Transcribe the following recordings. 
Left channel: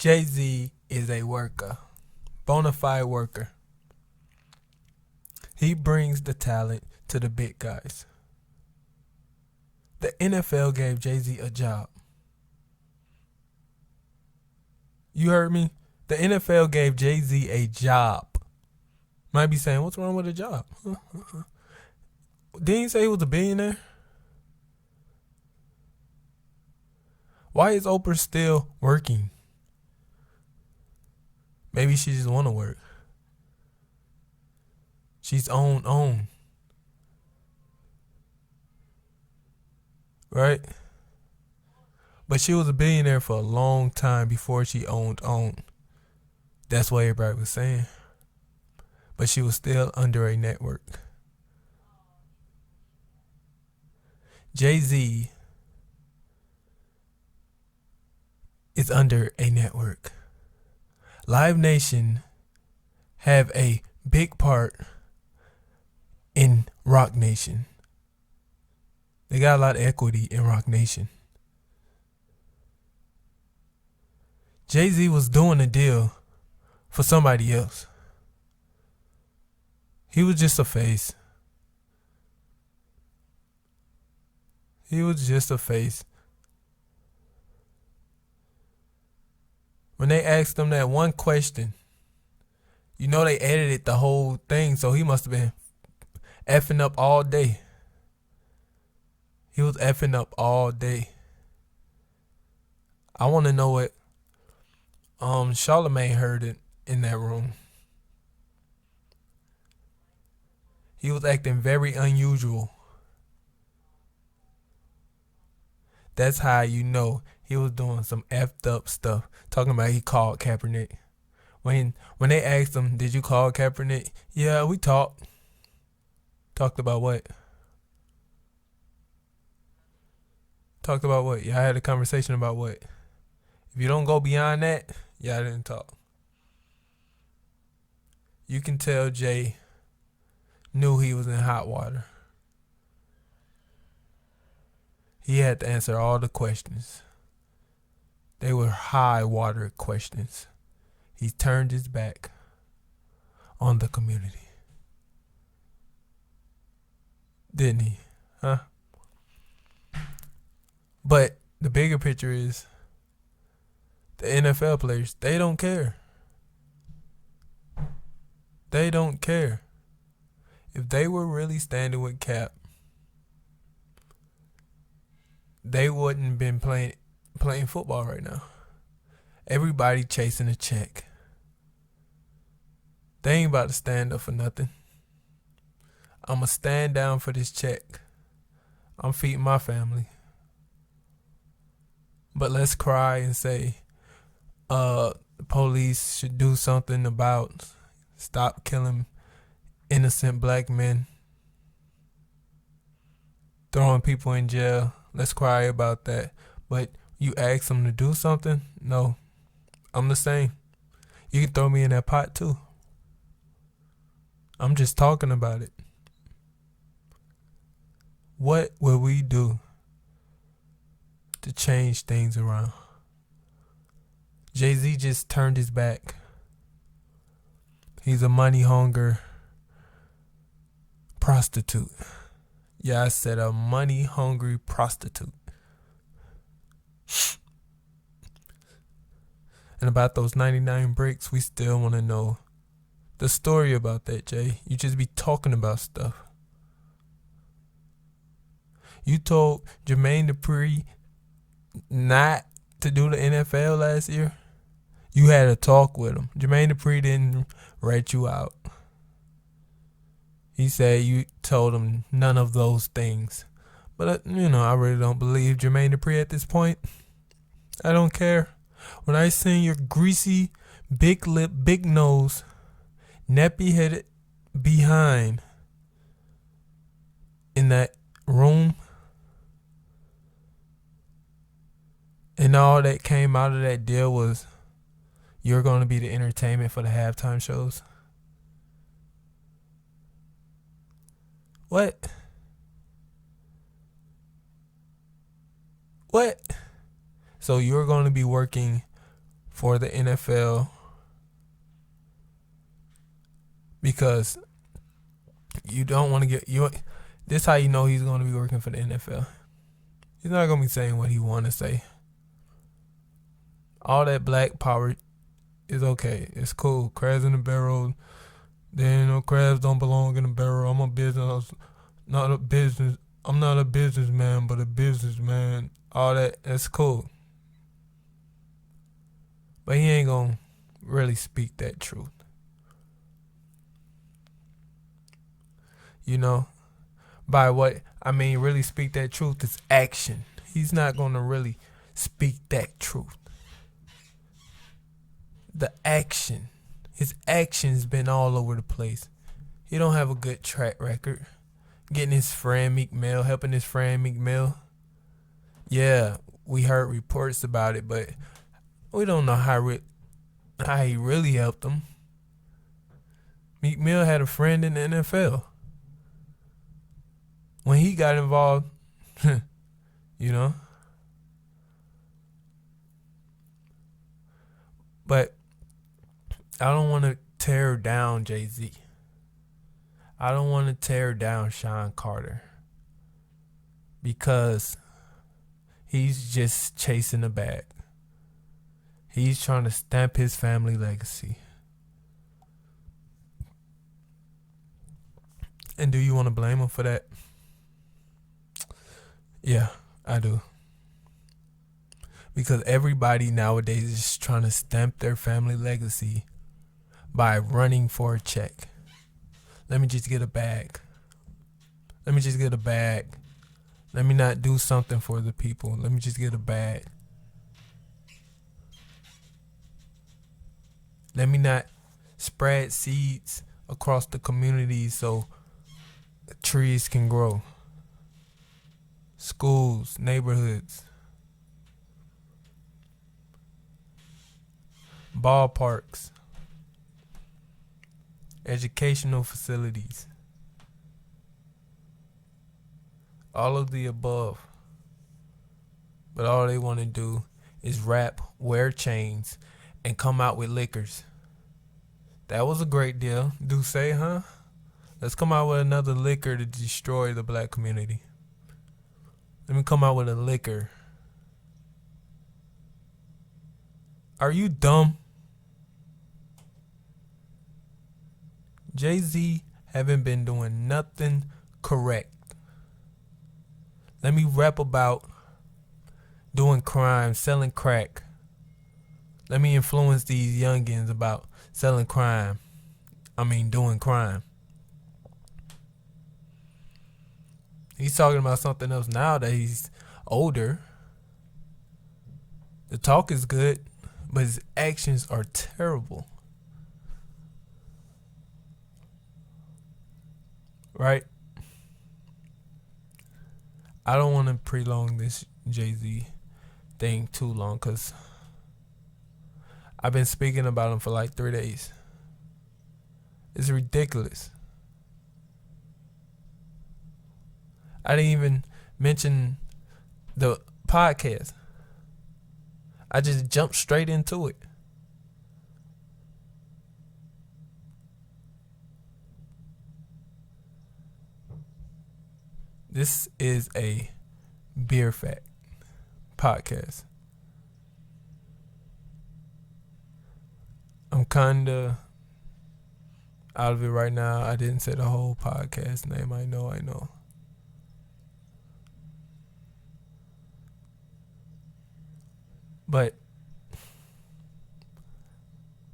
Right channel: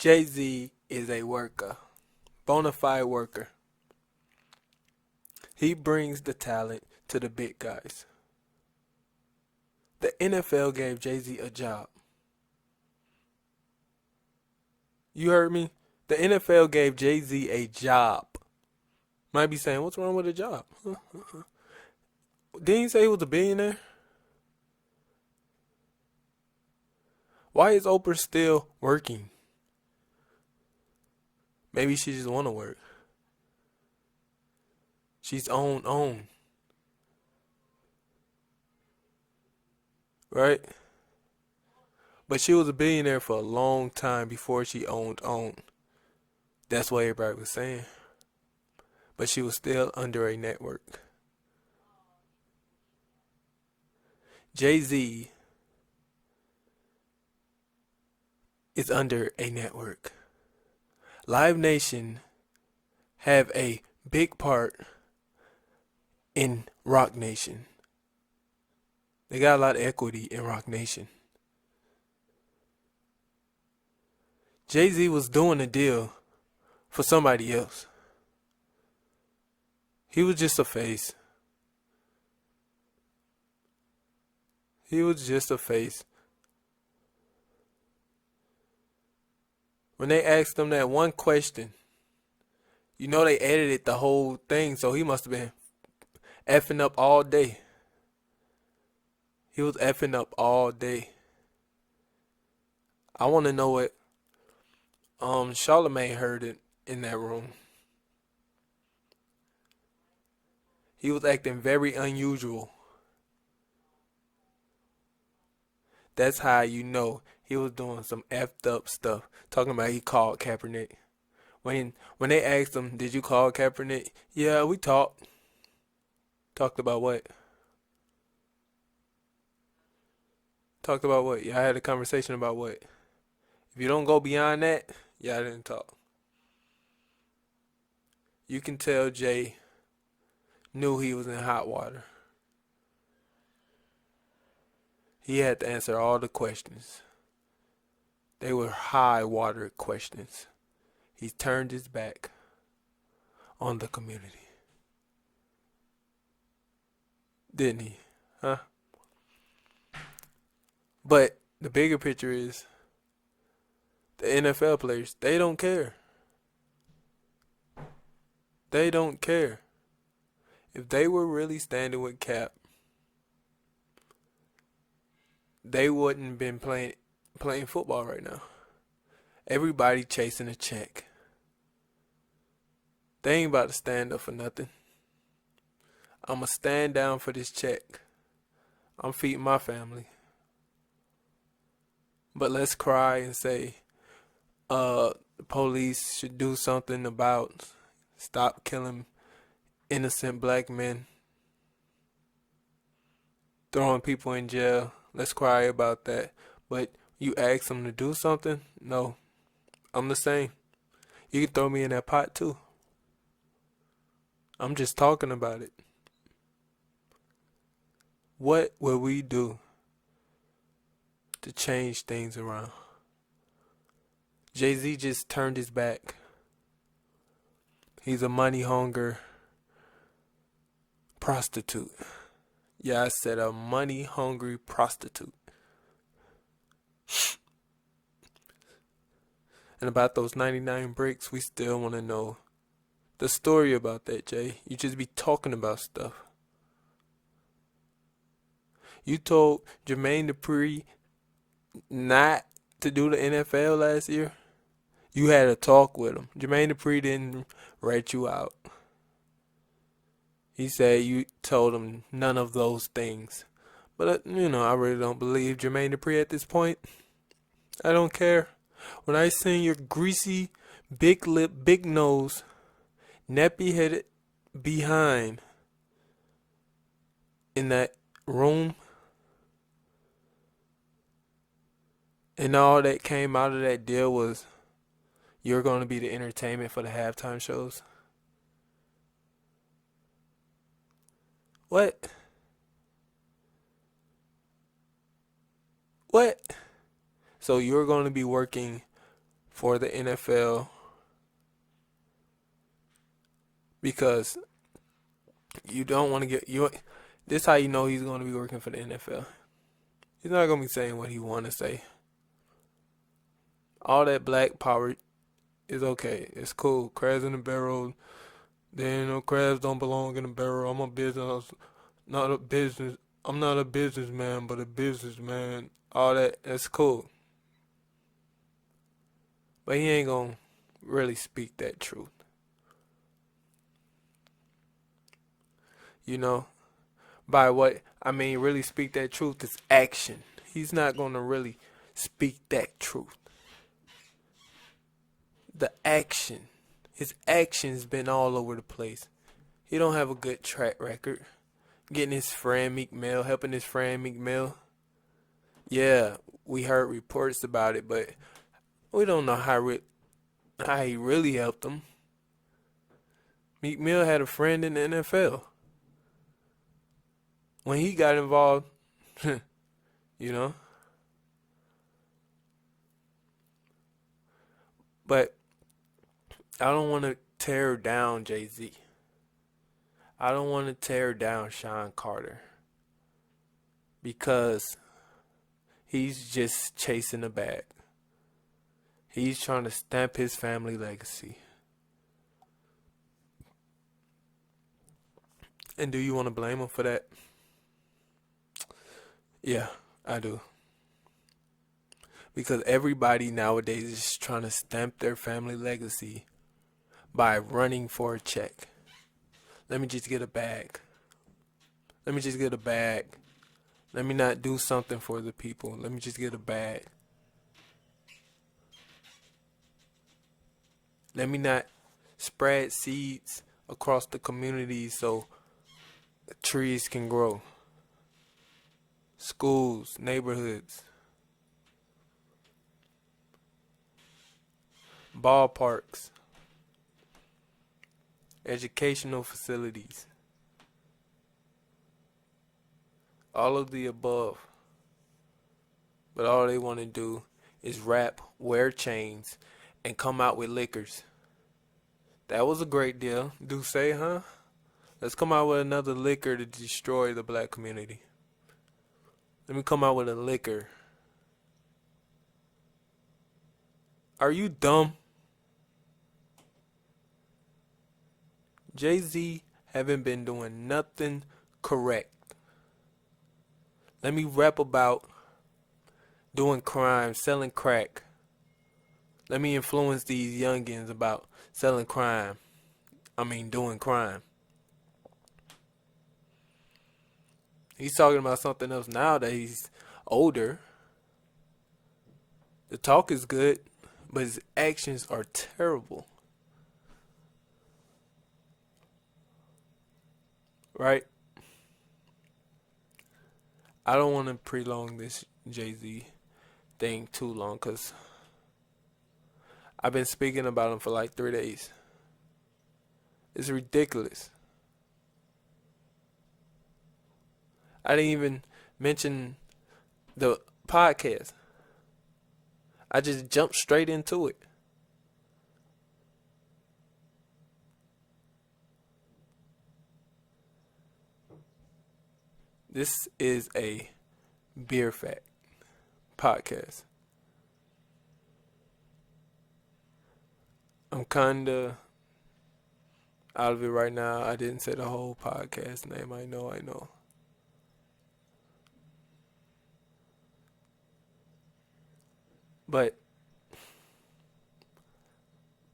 Jay-Z is a worker, bona fide worker. He brings the talent to the big guys. The NFL gave Jay-Z a job. You heard me? The NFL gave Jay-Z a job. Might be saying, what's wrong with a job? Didn't he say he was a billionaire? Why is Oprah still working? Maybe she just want to work. She's own. Right? But she was a billionaire for a long time before she owned. That's what everybody was saying. But she was still under a network. Jay-Z is under a network. Live Nation have a big part in Rock Nation. They got a lot of equity in Rock Nation. Jay-Z was doing a deal for somebody else. He was just a face. He was just a face. When they asked him that one question, you know they edited the whole thing, so he must have been effing up all day. He was effing up all day. I want to know what Charlamagne heard it in that room. He was acting very unusual. That's how you know he was doing some effed up stuff. Talking about he called Kaepernick. When they asked him, did you call Kaepernick? Yeah, we talked. Talked about what? Talked about what? Y'all had a conversation about what? If you don't go beyond that, y'all didn't talk. You can tell Jay knew he was in hot water. He had to answer all the questions. They were high water questions. He turned his back on the community. Didn't he? Huh? But the bigger picture is the NFL players, they don't care. They don't care. If they were really standing with Cap, they wouldn't been playing football right now. Everybody chasing a check. They ain't about to stand up for nothing. I'ma stand down for this check. I'm feeding my family. But let's cry and say, the police should do something about stop killing innocent black men, throwing people in jail. Let's cry about that. But you ask them to do something? No. I'm the same. You can throw me in that pot too. I'm just talking about it. What will we do to change things around? Jay-Z just turned his back. He's a money hunger prostitute. Yeah, I said a money hungry prostitute. And about those 99 bricks, we still want to know the story about that, Jay. You just be talking about stuff. You told Jermaine Dupri not to do the NFL last year. You had a talk with him. Jermaine Dupri didn't rat you out. He said you told him none of those things. But, I really don't believe Jermaine Dupri at this point. I don't care. When I seen your greasy, big lip, big nose, nappy headed behind in that room, and all that came out of that deal was you're going to be the entertainment for the halftime shows. What? So you're going to be working for the NFL because you don't want to get you. This how you know he's going to be working for the NFL. He's not going to be saying what he want to say. All that black power is okay. It's cool. Crabs in the barrel. Then crabs don't belong in the barrel. I'm a business, not a business. I'm not a businessman, but a businessman. All that's cool. But he ain't gonna really speak that truth. You know? By what I mean really speak that truth is action. He's not gonna really speak that truth. The action. His action's been all over the place. He don't have a good track record. Getting his friend Meek Mill, helping his friend Meek Mill. Yeah, we heard reports about it, but we don't know how he really helped him. Meek Mill had a friend in the NFL. When he got involved, you know. But I don't want to tear down Jay-Z. I don't want to tear down Sean Carter. Because he's just chasing a bag. He's trying to stamp his family legacy. And do you want to blame him for that? Yeah, I do. Because everybody nowadays is trying to stamp their family legacy by running for a check. Let me just get a bag. Let me just get a bag. Let me not do something for the people. Let me just get a bag. Let me not spread seeds across the community so trees can grow. Schools, neighborhoods, ballparks, educational facilities. All of the above. But all they want to do is rap, wear chains, and come out with liquors. That was a great deal. Do say, huh? Let's come out with another liquor to destroy the black community. Let me come out with a liquor. Are you dumb? Jay-Z haven't been doing nothing correct. Let me rap about doing crime, selling crack. Let me influence these youngins about selling crime. Doing crime. He's talking about something else now that he's older. The talk is good, but his actions are terrible. Right? I don't want to prolong this Jay-Z thing too long because I've been speaking about him for like 3 days. It's ridiculous. I didn't even mention the podcast. I just jumped straight into it. This is a beer fact podcast. I'm kinda out of it right now. I didn't say the whole podcast name. I know. But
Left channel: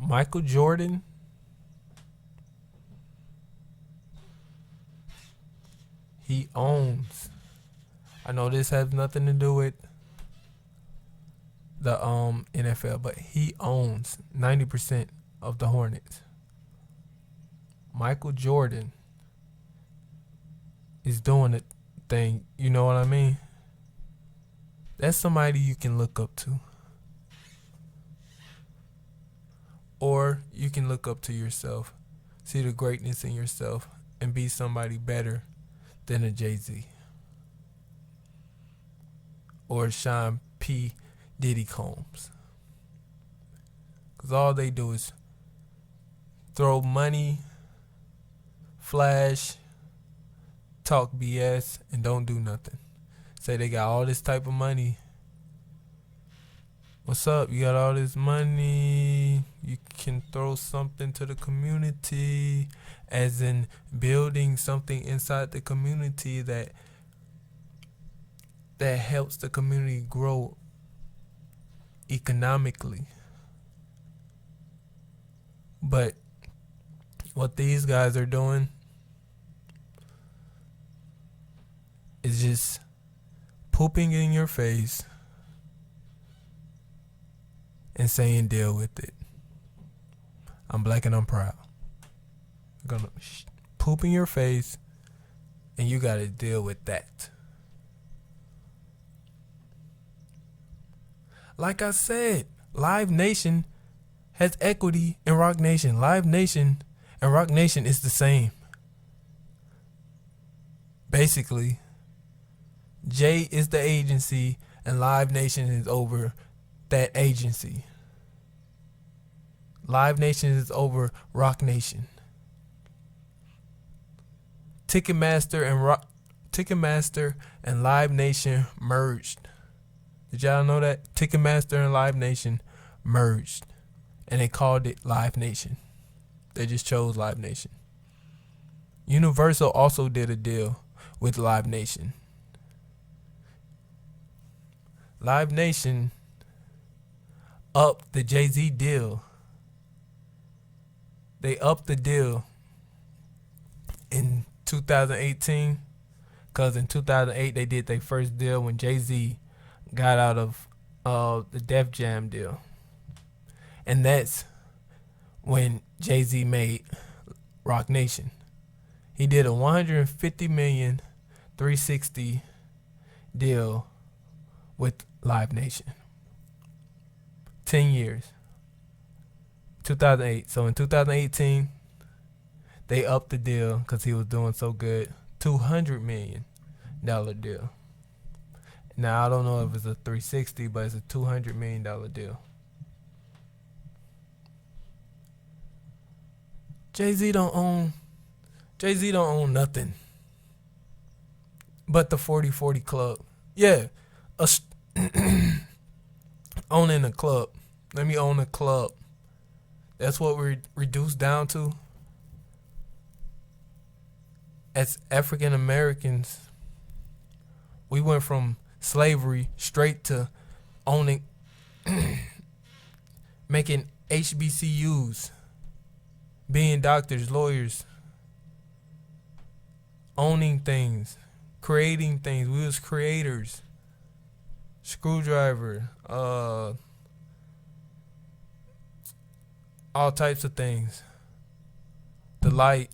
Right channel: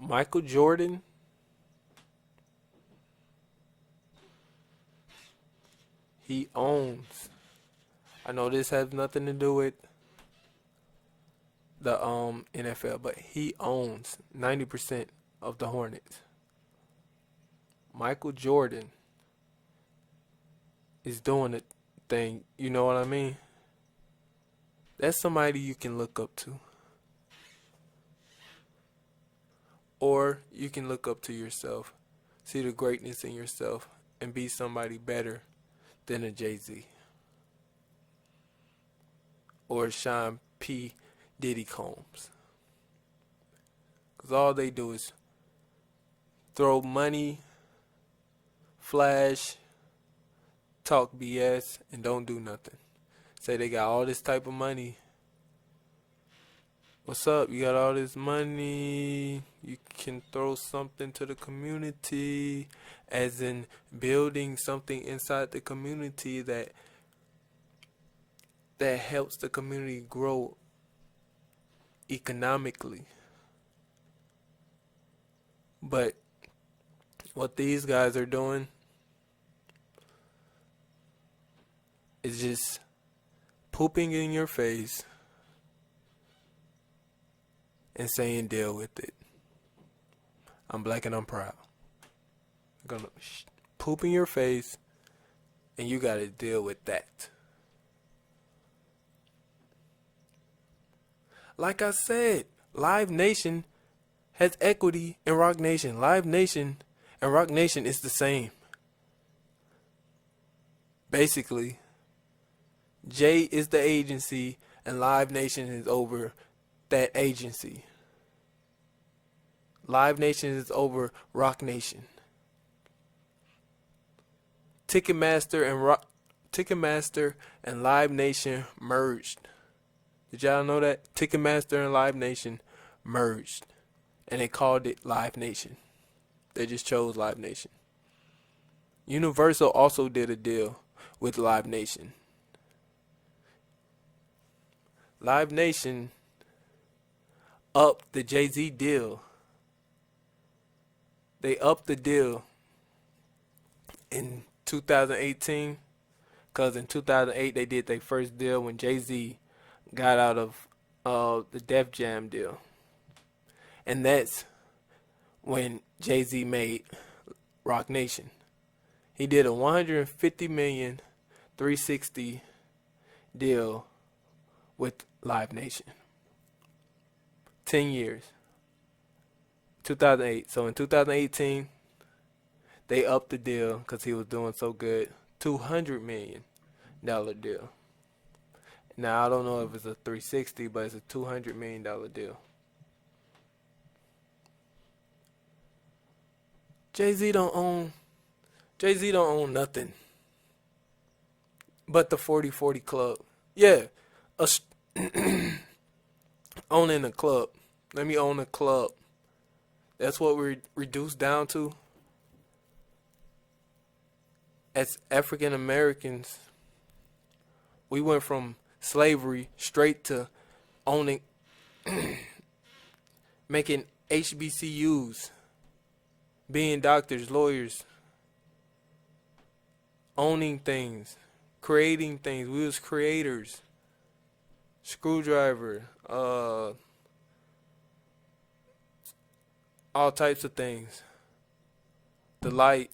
Michael Jordan, he owns. I know this has nothing to do with the NFL, but he owns 90% of the Hornets. Michael Jordan is doing the thing. You know what I mean? That's somebody you can look up to. Or you can look up to yourself, see the greatness in yourself, and be somebody better than a Jay-Z. Or Sean P. Diddy Combs. Because all they do is throw money, flash, talk BS, and don't do nothing. Say they got all this type of money. What's up? You got all this money. You can throw something to the community, as in building something inside the community that helps the community grow economically. But what these guys are doing is just pooping in your face and saying deal with it. I'm black and I'm proud. I'm gonna poop in your face and you gotta deal with that. Like I said, Live Nation has equity in Rock Nation. Live Nation and Rock Nation is the same. Basically, Jay is the agency and Live Nation is over that agency. Live Nation is over Rock Nation. Ticketmaster and Live Nation merged. Did y'all know that? Ticketmaster and Live Nation merged. And they called it Live Nation. They just chose Live Nation. Universal also did a deal with Live Nation. Live Nation upped the Jay-Z deal. They upped the deal in 2018 because in 2008 they did their first deal when Jay-Z got out of the Def Jam deal. And that's when Jay-Z made Rock Nation. He did a $150 million 360 deal with Live Nation. 10 years. 2008. So in 2018, they upped the deal because he was doing so good. $200 million deal. Now, I don't know if it's a 360, but it's a $200 million deal. Jay-Z don't own nothing but the 40/40 Club. Yeah, owning a club. Let me own a club. That's what we're reduced down to. As African Americans, we went from slavery straight to owning, making HBCUs, being doctors, lawyers, owning things, creating things. We was creators. Screwdriver, all types of things. The light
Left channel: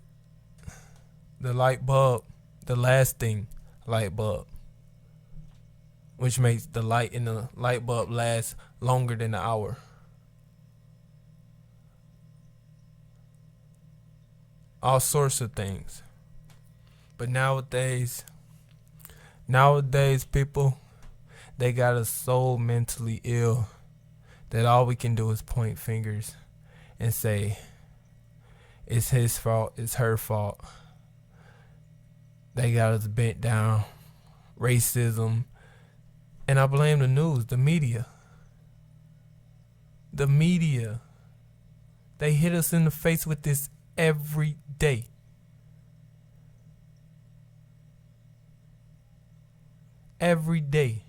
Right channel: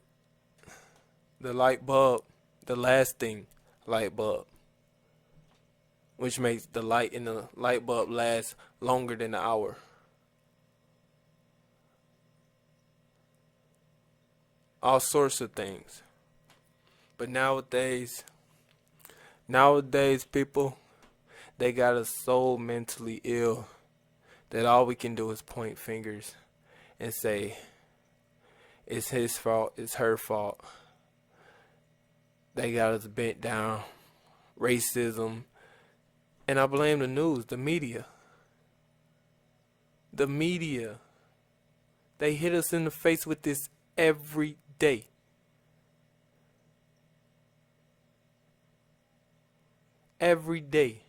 bulb, the lasting light bulb, which makes the light in the light bulb last longer than an hour. All sorts of things. But nowadays people, they got us so mentally ill that all we can do is point fingers and say it's his fault, it's her fault. They got us bent down. Racism. And I blame the news, the media. The media. They hit us in the face with this every day. Every day.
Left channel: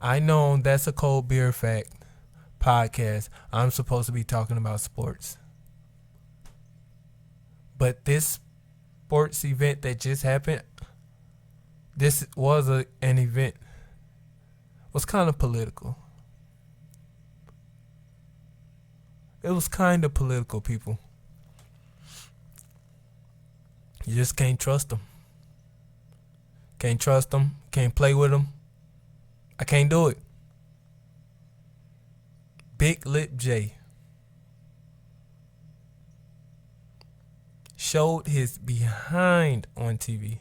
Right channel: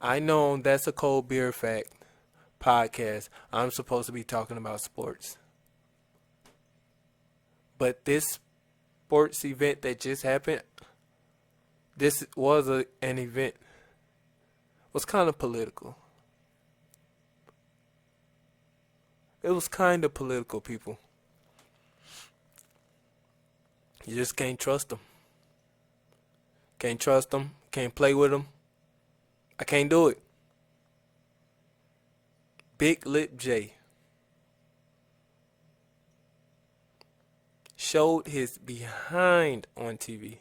I know That's a Cold Beer Fact podcast. I'm supposed to be talking about sports. But this sports event that just happened, this was an event, was kind of political. It was kind of political, people. You just can't trust them. Can't trust them. Can't play with them. I can't do it. Big Lip J showed his behind on TV.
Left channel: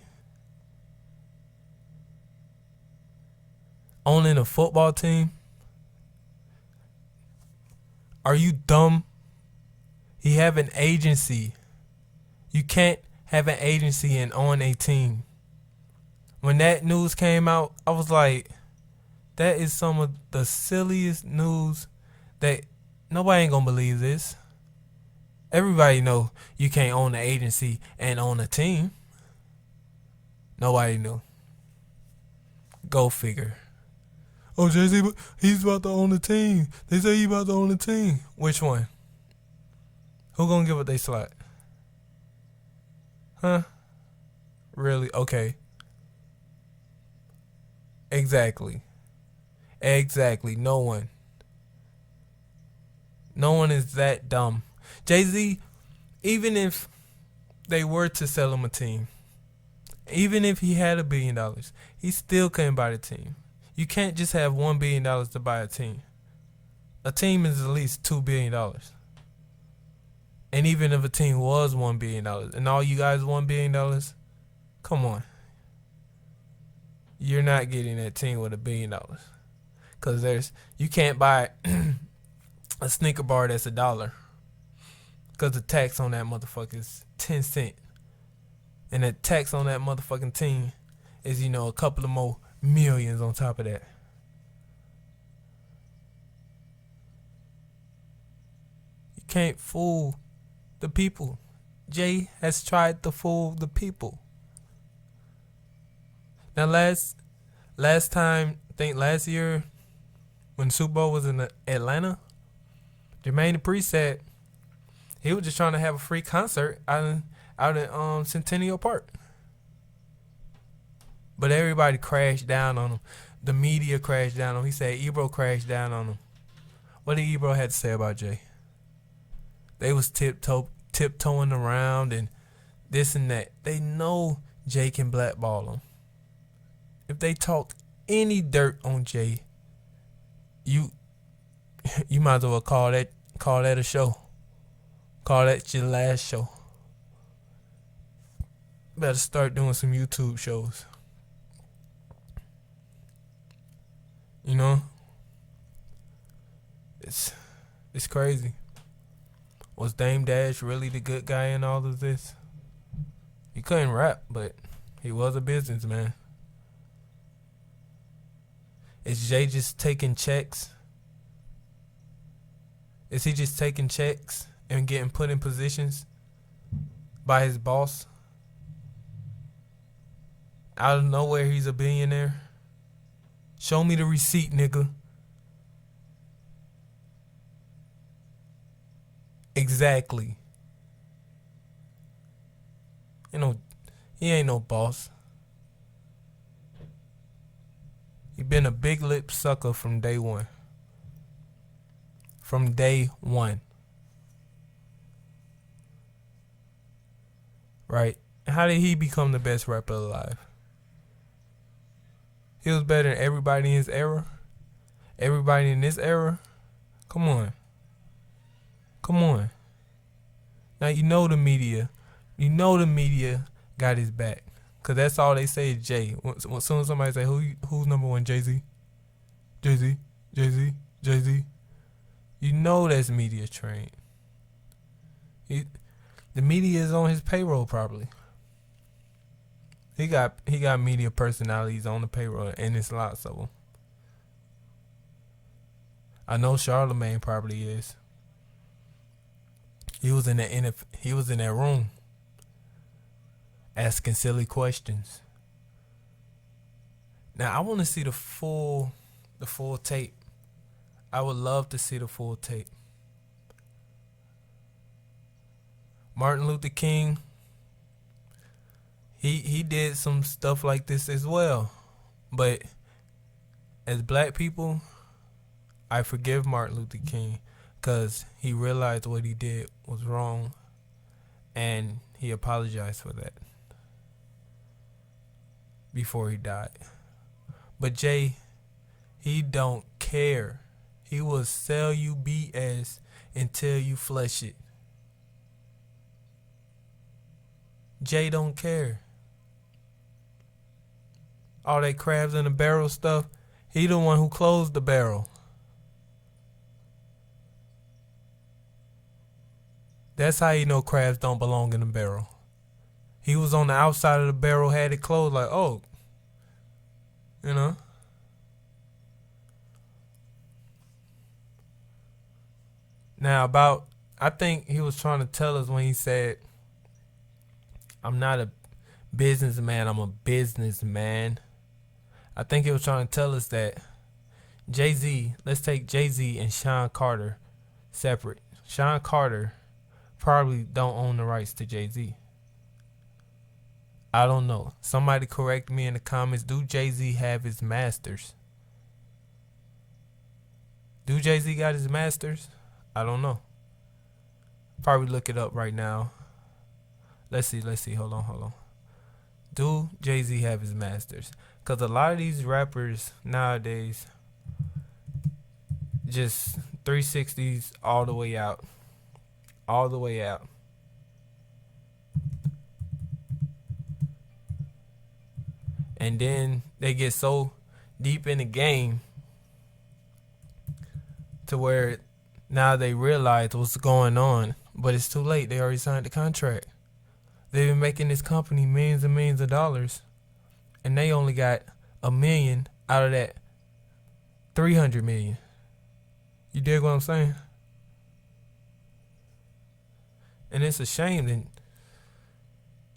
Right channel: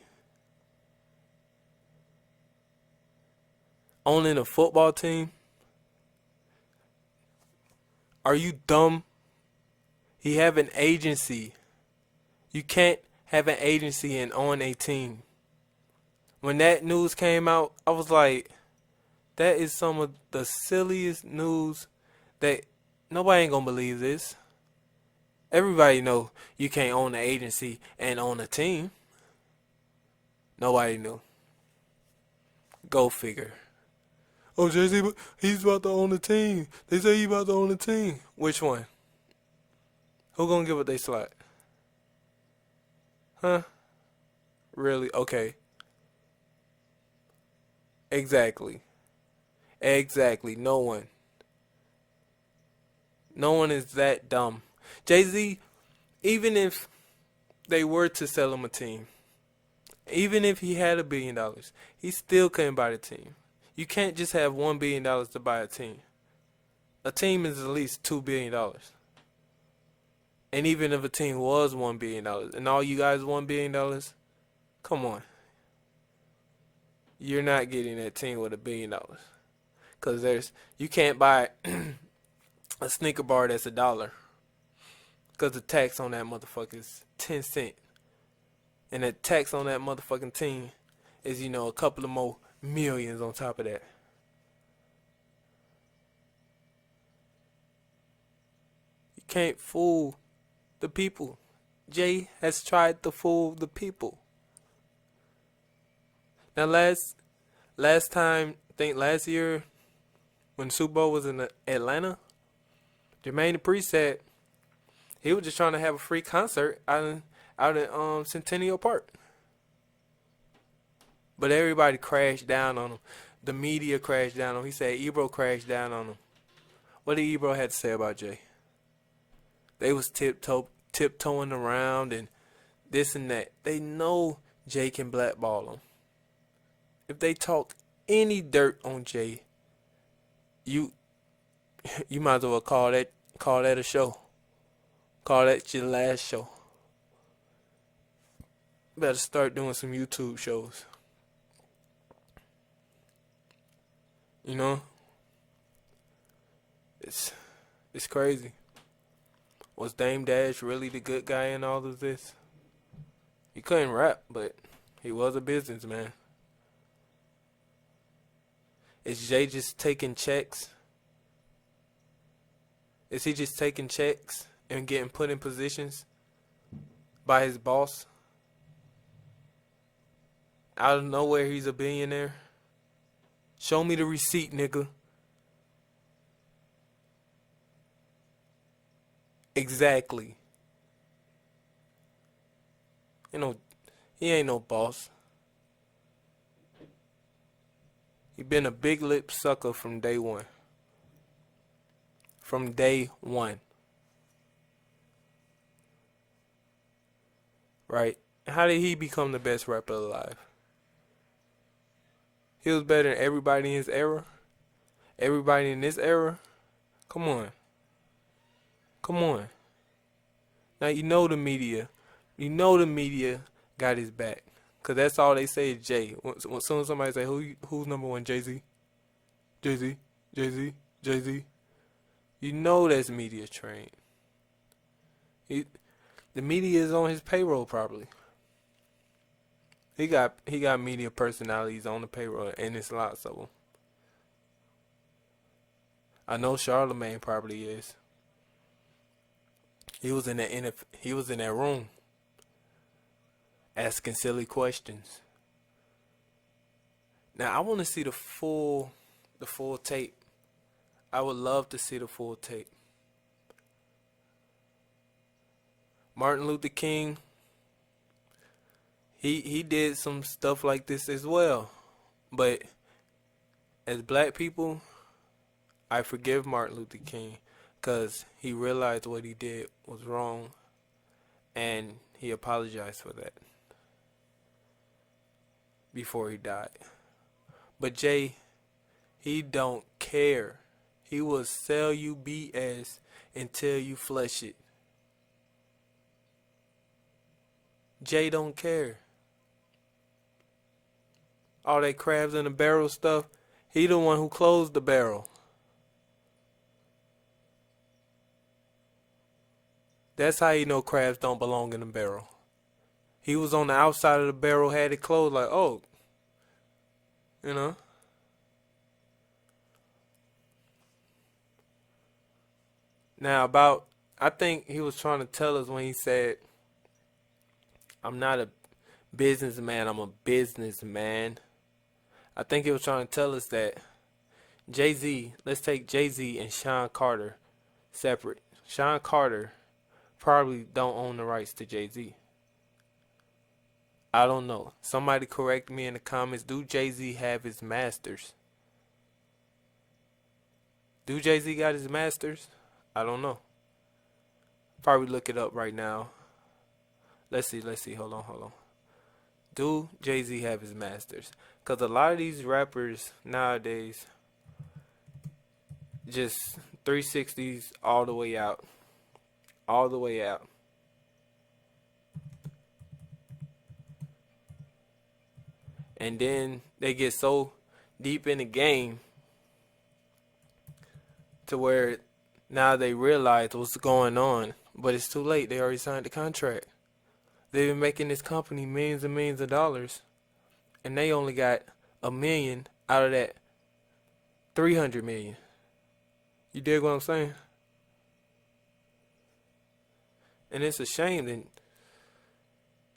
Owning a football team. Are you dumb? He have an agency. You can't have an agency and own a team. When that news came out, I was like, that is some of the silliest news that nobody ain't gonna believe this. Everybody know you can't own an agency and own a team. Nobody knew. Go figure. Oh, Jay-Z, he's about to own the team. They say he's about to own the team. Which one? Who gonna give up their slot? Huh? Really? Okay. Exactly. Exactly. No one. No one is that dumb. Jay-Z, even if they were to sell him a team, even if he had $1 billion, he still couldn't buy the team. You can't just have $1 billion to buy a team. A team is at least $2 billion. And even if a team was $1 billion and all you guys $1 billion, come on. You're not getting that team with $1 billion. Because you can't buy a sneaker bar that's $1. Because the tax on that motherfucker is 10 cents. And the tax on that motherfucking team is, a couple of more millions on top of that. You can't fool the people. Jay has tried to fool the people. Now last time, I think last year, when the Super Bowl was in Atlanta, Jermaine Dupri said he was just trying to have a free concert out in Centennial Park. But everybody crashed down on him. The media crashed down on him. He said Ebro crashed down on him. What did Ebro have to say about Jay? They was tiptoeing around and this and that. They know Jay can blackball him. If they talk any dirt on Jay, you might as well call that a show. Call that your last show. Better start doing some YouTube shows. It's crazy. Was Dame Dash really the good guy in all of this? He couldn't rap, but he was a businessman. Is Jay just taking checks? Is he just taking checks and getting put in positions by his boss? Out of nowhere, he's a billionaire. Show me the receipt, nigga. Exactly. He ain't no boss. He been a big lip sucker from day one. From day one. Right? How did he become the best rapper alive? He was better than everybody in his era. Everybody in this era. Come on. Now the media. The media got his back. Cause that's all they say is Jay. When soon as somebody say who's number one, Jay-Z? Jay-Z. That's media trained. The media is on his payroll probably. He got media personalities on the payroll, and it's lots of them. I know Charlemagne probably is. He was in that room asking silly questions. Now I want to see the full tape. I would love to see the full tape. Martin Luther King, he did some stuff like this as well. But as black people, I forgive Martin Luther King because he realized what he did was wrong and he apologized for that before he died. But Jay, he don't care. He will sell you BS until you flush it. Jay don't care. All that crabs in the barrel stuff, he the one who closed the barrel. That's how you know crabs don't belong in a barrel. He was on the outside of the barrel, had it closed, like, oh, you know. Now, about, I think he was trying to tell us when he said, I'm not a businessman, I'm a businessman. I think he was trying to tell us that Jay Z, let's take Jay Z and Sean Carter separate. Sean Carter probably don't own the rights to Jay Z. I don't know. Somebody correct me in the comments. Do Jay Z have his masters? Do Jay Z got his masters? I don't know. Probably look it up right now. Let's see. Hold on. Do Jay Z have his masters? Because a lot of these rappers nowadays just 360s all the way out. All the way out. And then they get so deep in the game to where now they realize what's going on, but it's too late. They already signed the contract. They've been making this company millions and millions of dollars, and they only got $1 million out of that 300 million. You dig what I'm saying? And it's a shame, and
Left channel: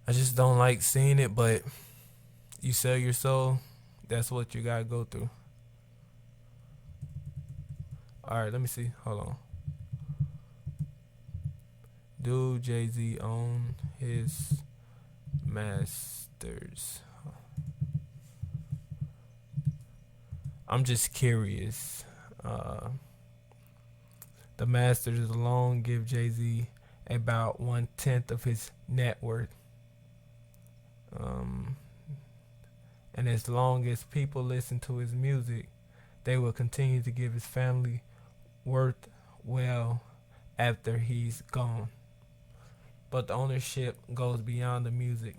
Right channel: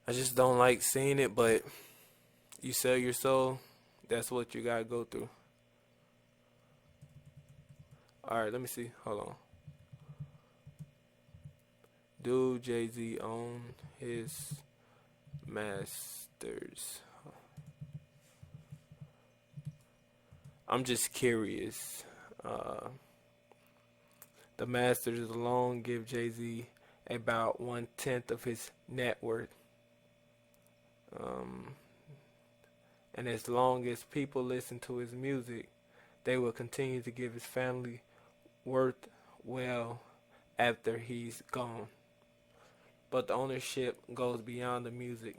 I just don't like seeing it, but you sell your soul, that's what you gotta go through. Alright, let me see. Hold on. Do Jay-Z own his masters? I'm just curious. The masters alone give Jay-Z about 1/10 of his net worth. And as long as people listen to his music, they will continue to give his family worth well after he's gone. But the ownership goes beyond the music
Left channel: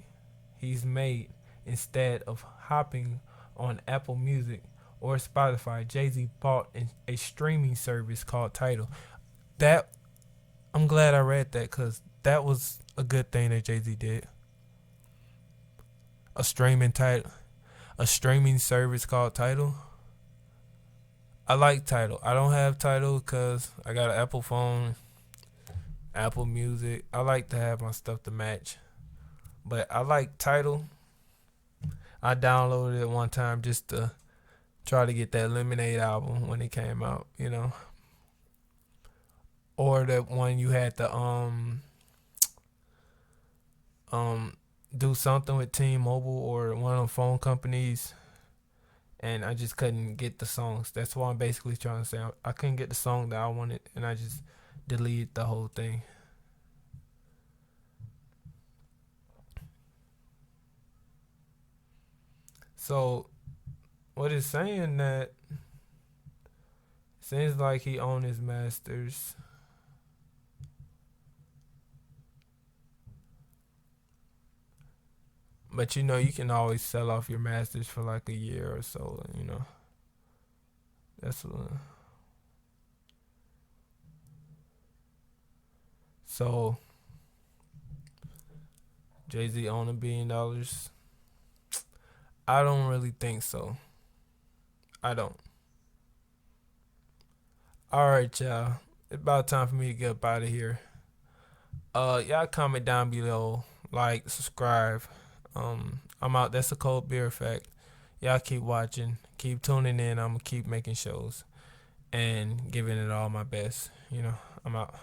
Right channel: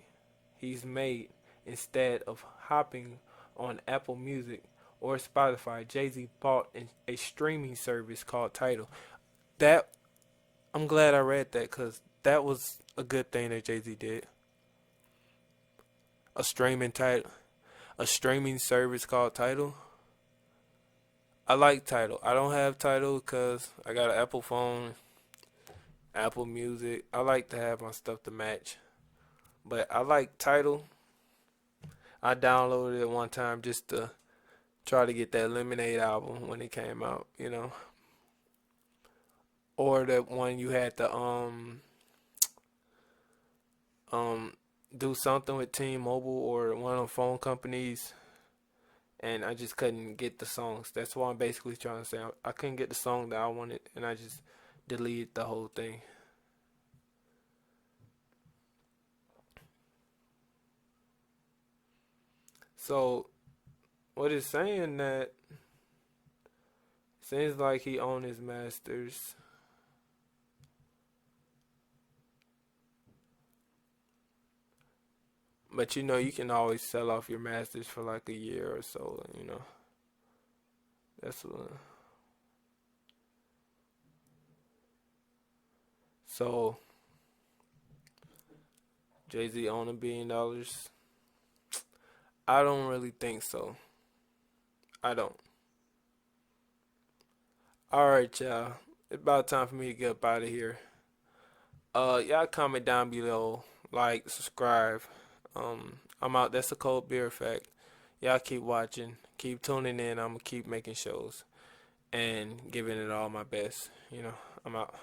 he's made. Instead of hopping on Apple Music or Spotify, Jay-Z bought a streaming service called Tidal. That, I'm glad I read that, because that was a good thing that Jay-Z did. A streaming service called Tidal. I like Tidal. I don't have Tidal because I got an Apple phone, Apple Music. I like to have my stuff to match. But I like Tidal. I downloaded it one time just to try to get that Lemonade album when it came out, you know. Or that one you had to do something with T-Mobile or one of the phone companies, and I just couldn't get the songs. That's what I'm basically trying to say. I couldn't get the song that I wanted, and I just deleted the whole thing. So, what it's saying that seems like he owned his masters. But you know, you can always sell off your masters for like a year or so, you know. That's what. So, Jay-Z own $1 billion? I don't really think so. I don't. Alright, y'all. It's about time for me to get up out of here. Y'all comment down below, like, subscribe. I'm out. That's a cold beer effect. Y'all keep watching, keep tuning in. I'm gonna keep making shows and giving it all my best. You know, I'm out.